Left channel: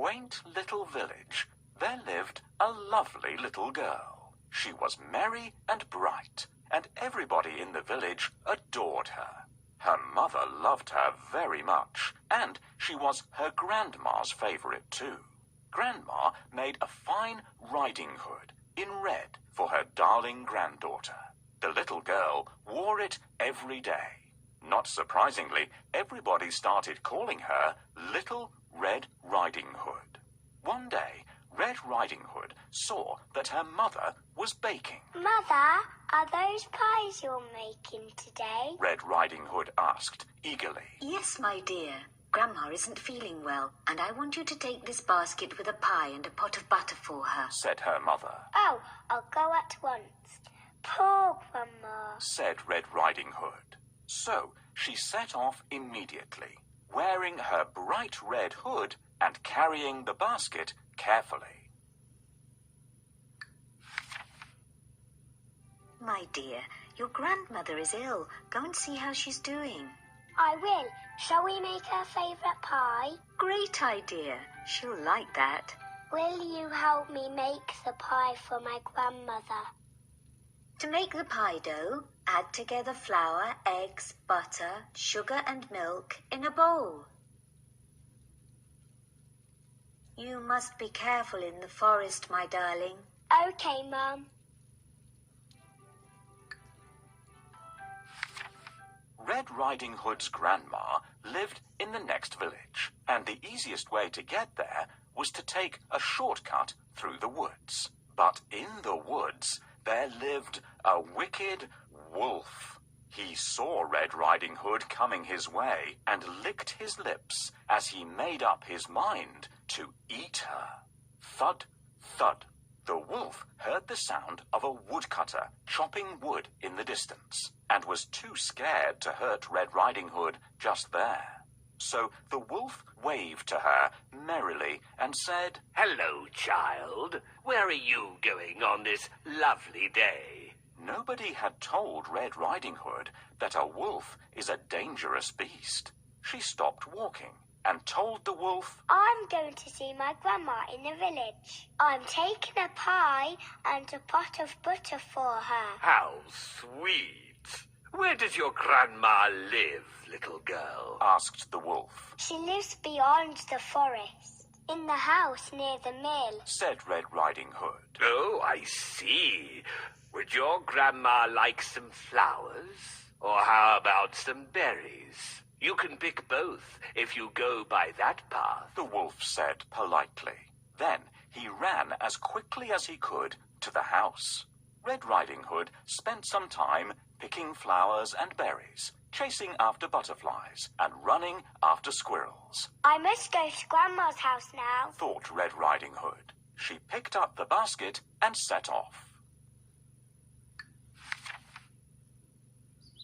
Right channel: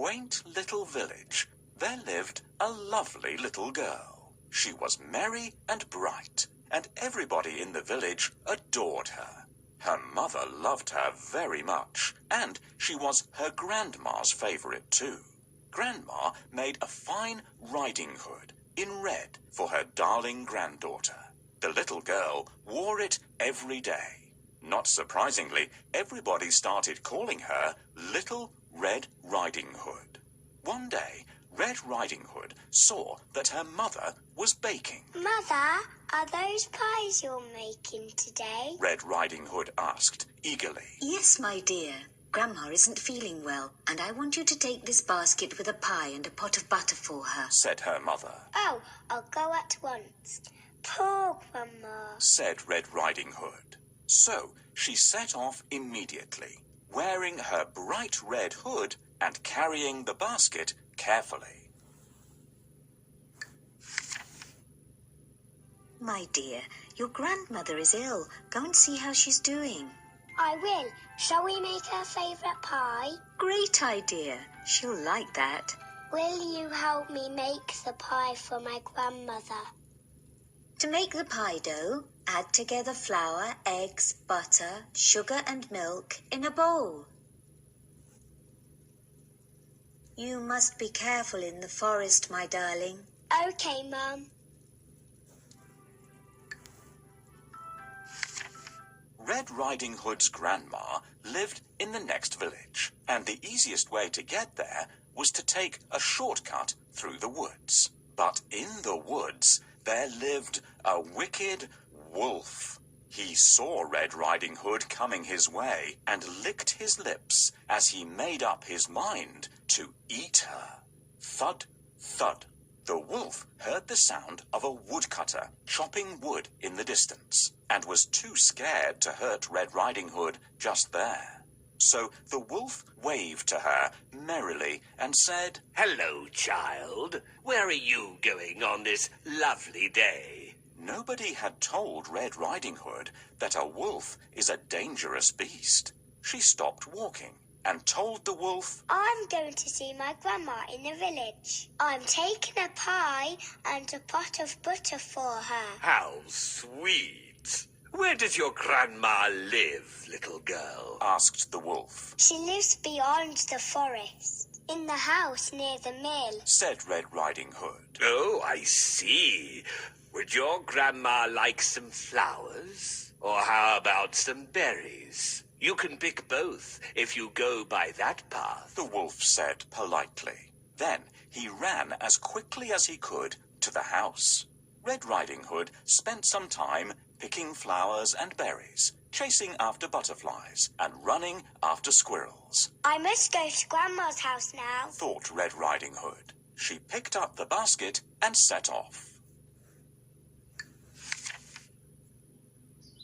quaint little village, there lived a lovely little girl. She was merry and bright, and everybody in the village adored her. Her mother loved her very much, and she was her grandma's favorite too. Grandma made a fine riding hood in red for her darling granddaughter. The little girl wore it every day. Not surprisingly, everybody started calling her Little Red Riding Hood. One day, Red Riding Hood saw that her mother was baking. Mother, are those pies you're making today? Red Riding Hood asked eagerly. Yes, my dear. Grandma isn't feeling well, and I want you to take this basket with a pie and a pot of butter for her, said her mother. Oh, I'll go at once. Poor Grandma, said Red Riding Hood. So she set off immediately, wearing her bright red hood and carrying the basket carefully. My dear, your grandmother is ill. Go and see how she's doing. I will. Shall we make her favourite pie? Great idea. She'll like that. Will you help me make the pie for my grandmother? To make the pie dough, add together flour, eggs, butter, sugar and milk in a bowl. You must be careful in the forest, my darling. Okay, Mum. Red Riding Hood's grandma lived in the next village, and the easiest way to get there was to take a shortcut through the woods. But in the woods, there lived a wicked wolf. He saw Red Riding Hood coming his way and licked his lips as he made up his mind to eat her. Thud, thud. The wolf heard the sound of a woodcutter chopping wood in the distance and was too scared to hurt Red Riding Hood just there. So the wolf waved to her merrily and said, "Hello, child. Where are you going on this lovely day?" Nobody had told Red Riding Hood that a wolf is a dangerous beast. She stopped walking and told the wolf, I'm going to see my grandma in the village. I'm taking a pie and a pot of butter for her. How sweet. Where does your grandma live, little girl? asked the wolf. She lives beyond the forest, in the house near the mill, said Red Riding Hood. Oh, I see. Would your grandma like some flowers? Or how about some berries? You can pick both if you go by that path, the wolf said politely. Then he ran as quickly as he could to the house. Red Riding Hood spent some time picking flowers and berries, chasing after butterflies, and running after squirrels. I must go to Grandma's house now, thought Red Riding Hood. She picked up the basket and set off.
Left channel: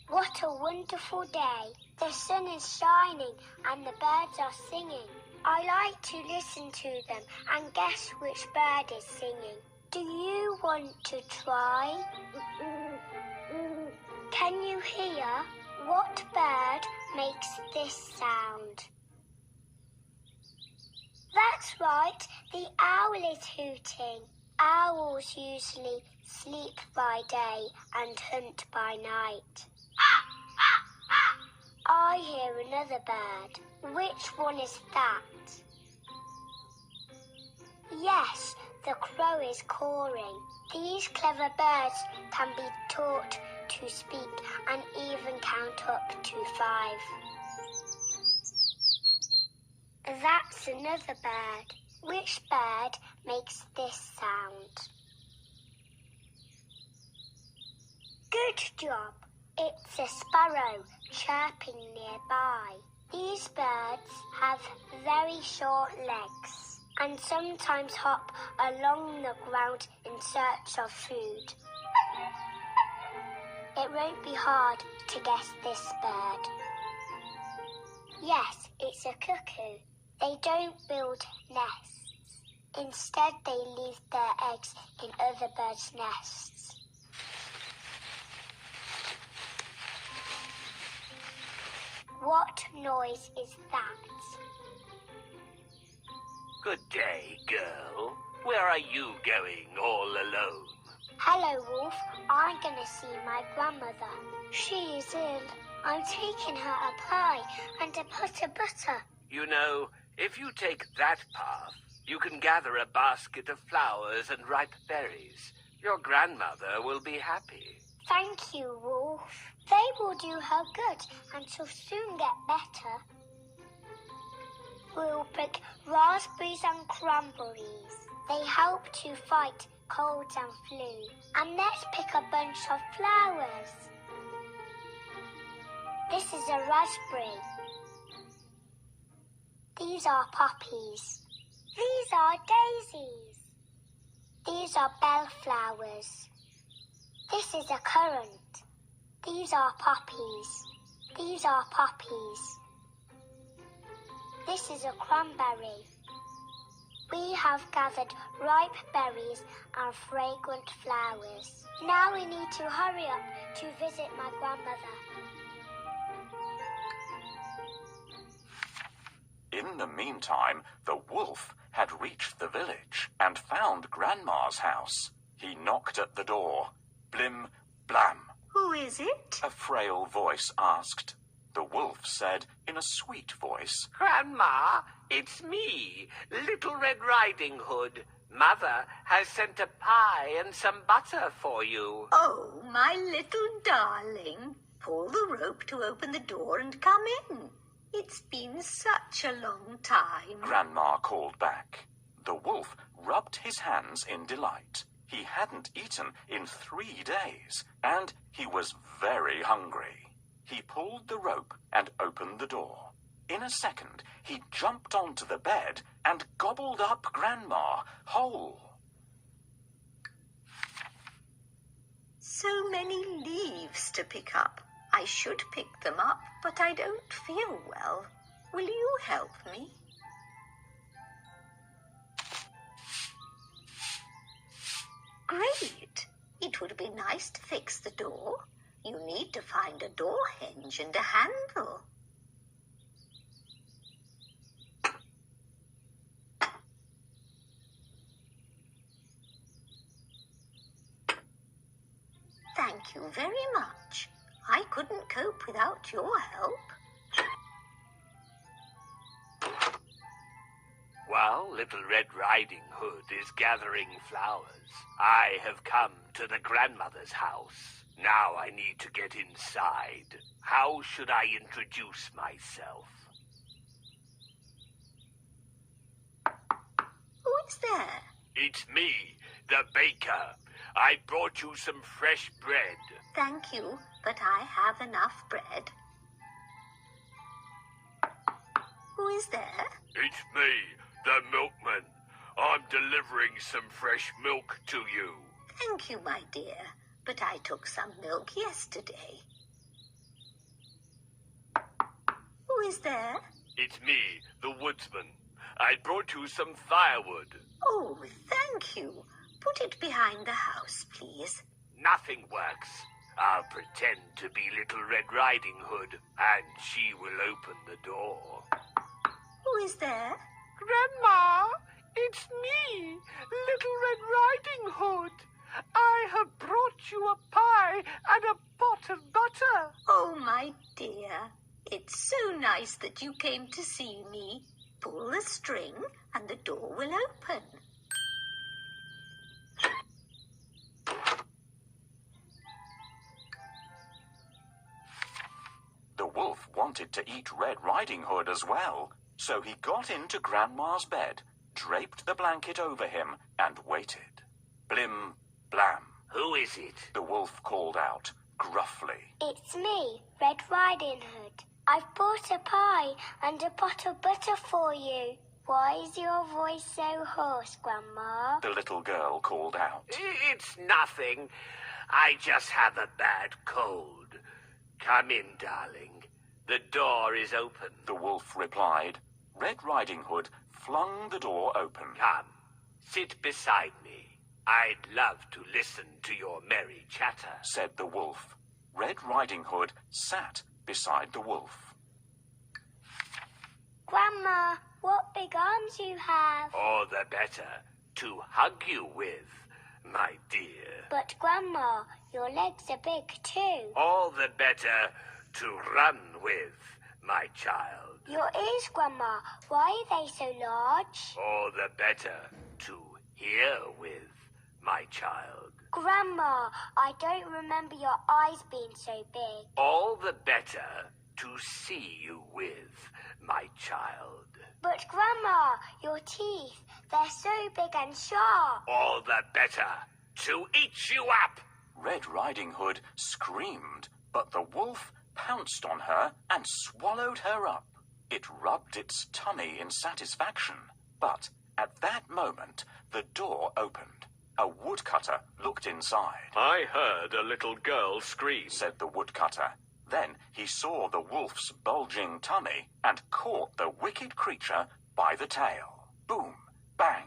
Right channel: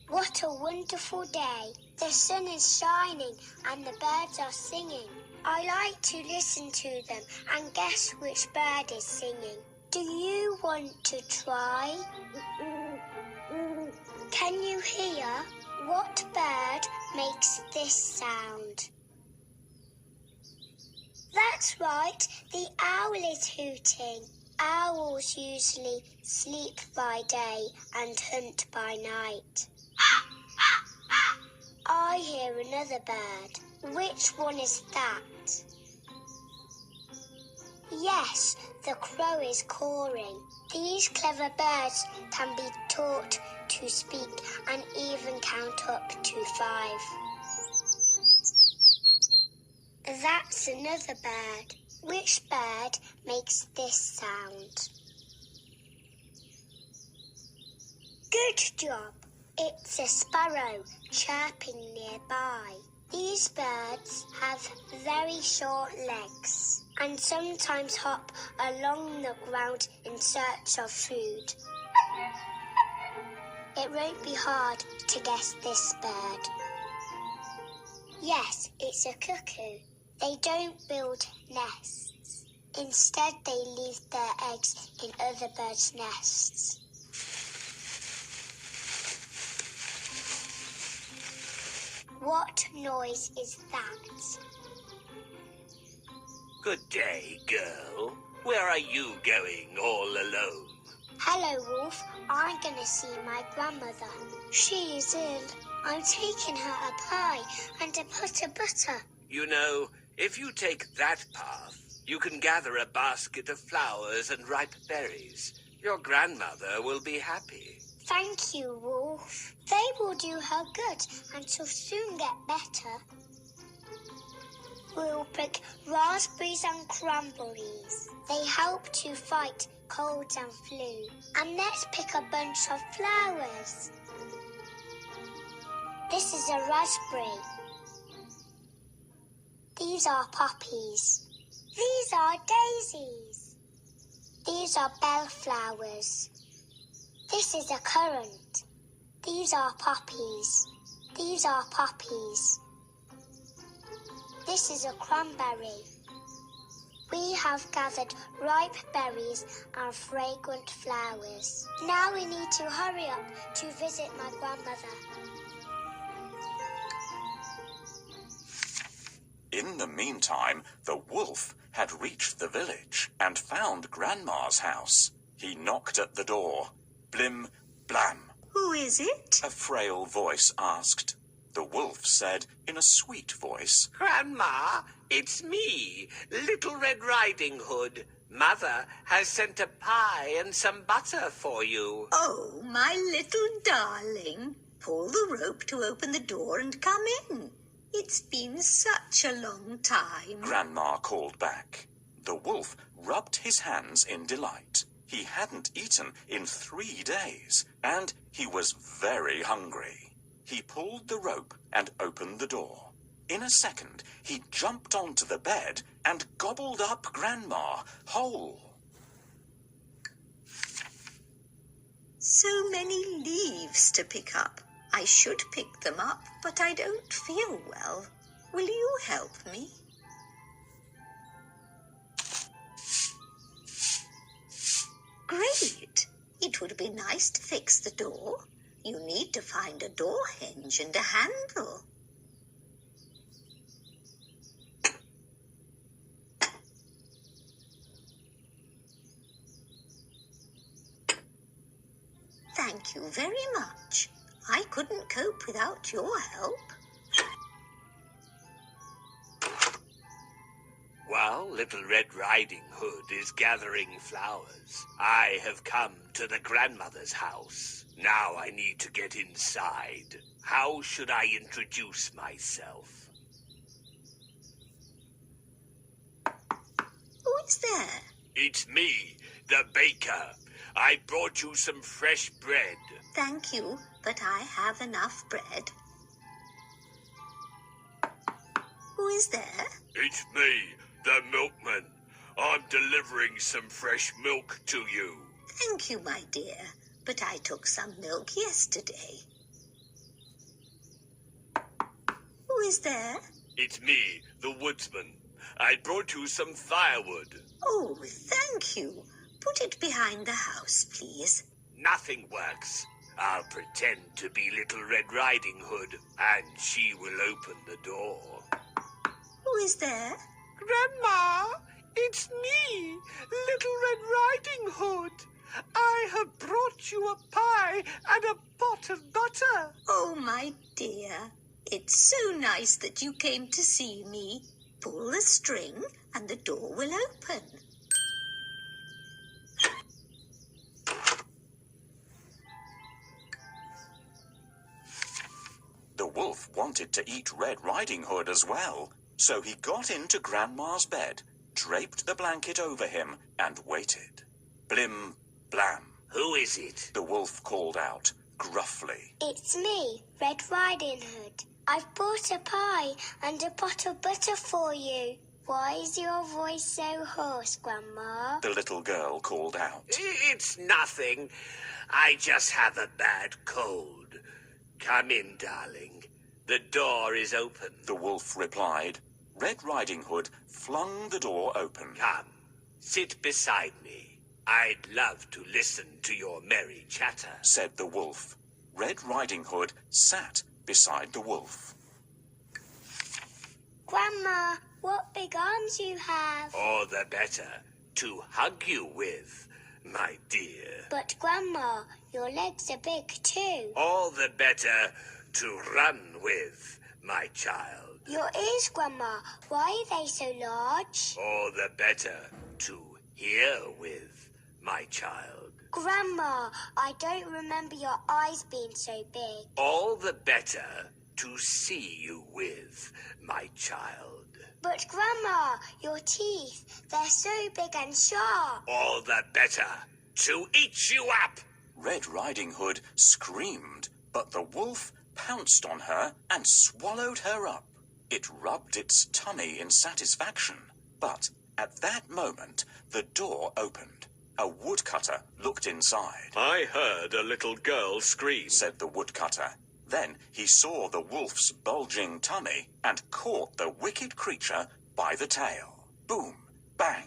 What a wonderful day. The sun is shining and the birds are singing. I like to listen to them and guess which bird is singing. Do you want to try? Can you hear? What bird makes this sound? That's right, the owl is hooting. Owls usually sleep by day and hunt by night. I hear another bird. Which one is that? Yes, the crow is cawing. These clever birds can be taught to speak and even count up to 5. That's another bird. Which bird makes this sound? Good job. It's a sparrow chirping nearby. These birds have very short legs and sometimes hop along the ground in search of food. It won't be hard to guess this bird. Yes, it's a cuckoo. They don't build nests. Instead, they leave their eggs in other birds' nests. What noise is that? Good day, girl. Where are you going all alone? Hello, Wolf. I'm going to see my grandmother. She is ill. I'm taking her a pie and a pot of butter. You know, if you take that path, you can gather a basket of flowers and ripe berries. Your grandmother will be happy. Thank you, Wolf. They will do her good and she'll soon get better. We'll pick raspberries and cranberries. They help to fight colds and flu. And let's pick a bunch of flowers. This is a raspberry. These are poppies. These are daisies. These are bellflowers. This is a currant. These are poppies. These are poppies. This is a cranberry. We have gathered ripe berries and fragrant flowers. Now we need to hurry up to visit my grandmother. In the meantime, the wolf had reached the village and found Grandma's house. He knocked at the door. Blim, blam. Who is it? A frail voice asked. The wolf said in a sweet voice, Grandma, it's me, Little Red Riding Hood. Mother has sent a pie and some butter for you. Oh, my little darling. Pull the rope to open the door and come in. It's been such a long time. Grandma called back. The wolf rubbed his hands in delight. He hadn't eaten in 3 days, and he was very hungry. He pulled the rope and opened the door. In a second, he jumped onto the bed and gobbled up Grandma whole. So many leaves to pick up. I should pick them up, but I don't feel well. Will you help me? Great. It would be nice to fix the door. You need to find a door hinge and a handle. Thank you very much. I couldn't cope without your help. While Little Red Riding Hood is gathering flowers, I have come to the grandmother's house. Now I need to get inside. How should I introduce myself? Who is there? It's me, the baker. I brought you some fresh bread. Thank you, but I have enough bread. Who is there? It's me, the milkman. I'm delivering some fresh milk to you. Thank you, my dear, but I took some milk yesterday. Who is there? It's me, the woodsman. I brought you some firewood. Oh, thank you. Put it behind the house, please. Nothing works. I'll pretend to be Little Red Riding Hood, and she will open the door. Who is there? Grandma, it's me, Little Red Riding Hood. I have brought you a pie and a pot of butter. Oh, my dear. It's so nice that you came to see me. Pull the string and the door will open. The wolf wanted to eat Red Riding Hood as well, so he got into Grandma's bed, draped the blanket over him, and waited. Blim, blam. Who is it? The wolf called out, gruffly. It's me, Red Riding Hood. I've brought a pie and a pot of butter for you. Why is your voice so hoarse, Grandma? The little girl called out. It's nothing. I just have a bad cold. Come in, darling. The door is open. The wolf replied. Red Riding Hood flung the door open. Come, sit beside me. I'd love to listen to your merry chatter, said the wolf. Red Riding Hood sat beside the wolf. Grandma, what big arms you have. All the better to hug you with, my dear. But, Grandma, your legs are big too. All the better to run with, my child. Your ears, Grandma, why are they so large? All the better to hear with, my child. Grandma, I don't remember your eyes being so big. All the better to see you with, my child. But, Grandma, your teeth, they're so big and sharp. All the better to eat you up. Red Riding Hood screamed, but the wolf pounced on her and swallowed her up. It rubbed its tummy in satisfaction, but at that moment the door opened. A woodcutter looked inside. I heard a little girl scream, Said the woodcutter. Then he saw the wolf's bulging tummy and caught the wicked creature by the tail. Boom, bang.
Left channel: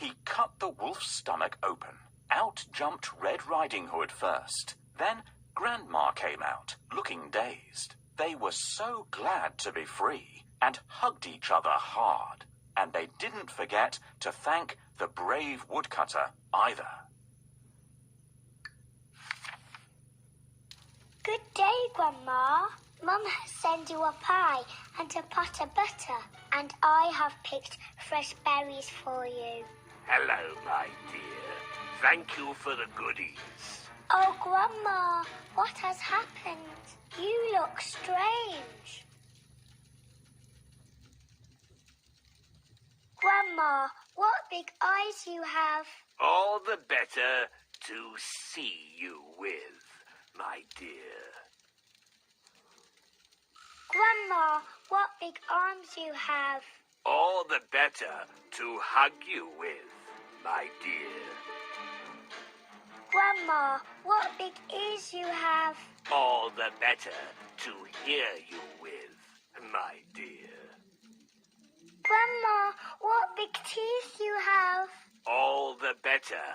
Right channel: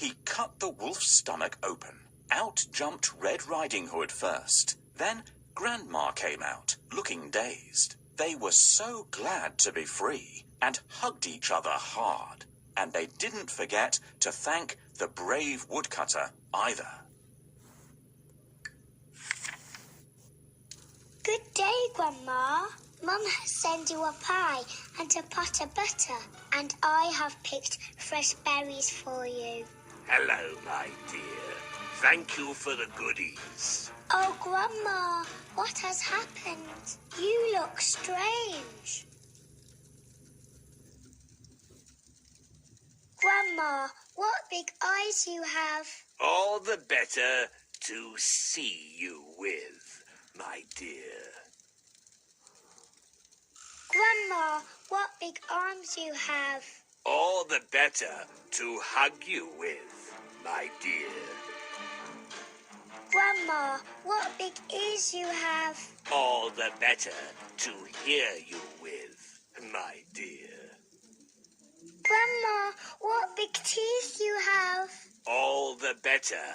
He cut the wolf's stomach open. Out jumped Red Riding Hood first. Then Grandma came out, looking dazed. They were so glad to be free and hugged each other hard. And they didn't forget to thank the brave woodcutter either. Good day, Grandma. Mum has sent you a pie and a pot of butter, and I have picked fresh berries for you. Hello, my dear. Thank you for the goodies. Oh, Grandma, what has happened? You look strange. Grandma, what big eyes you have. All the better to see you with, my dear. Grandma, what big arms you have. All the better to hug you with, my dear. Grandma, what big ears you have. All the better to hear you with, my dear. Grandma, what big teeth you have. All the better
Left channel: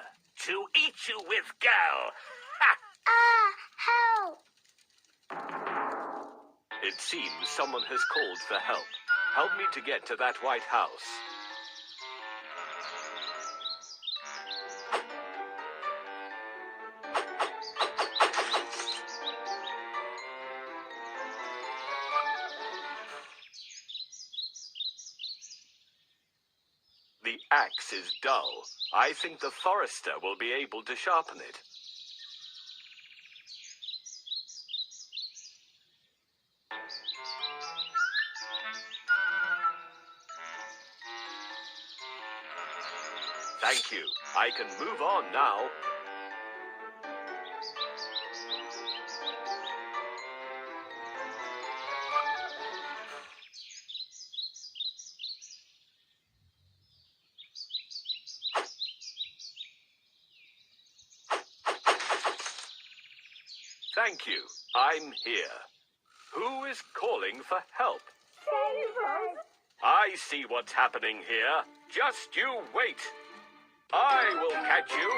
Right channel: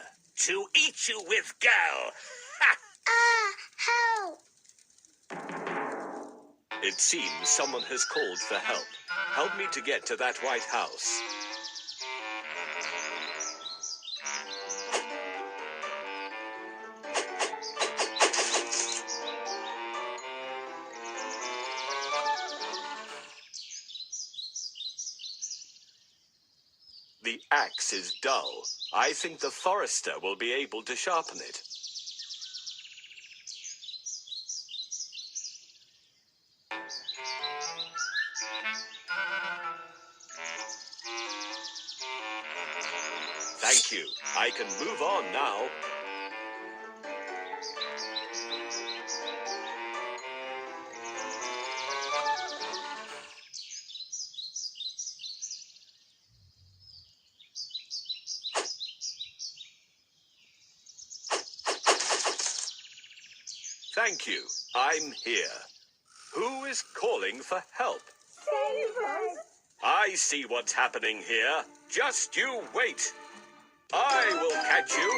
to eat you with, girl. Ha! Ah, help! It seems someone has called for help. Help me to get to that White House. The axe is dull. I think the forester will be able to sharpen it. Thank you. I can move on now. Thank you. I'm here. Who is calling for help? Save us! I see what's happening here. Just you wait. I will catch you.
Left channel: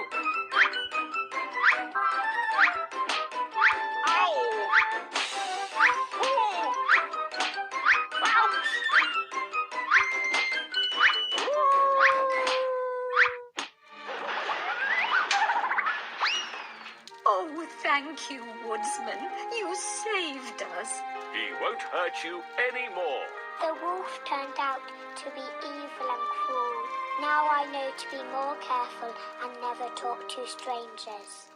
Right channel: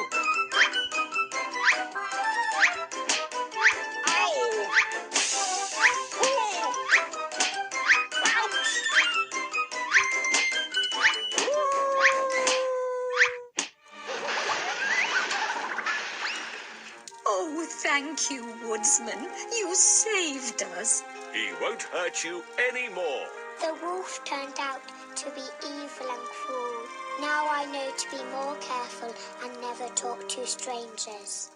Ow! Ouch! Oh, thank you, Woodsman. You saved us. He won't hurt you anymore. The wolf turned out to be evil and cruel. Now I know to be more careful and never talk to strangers.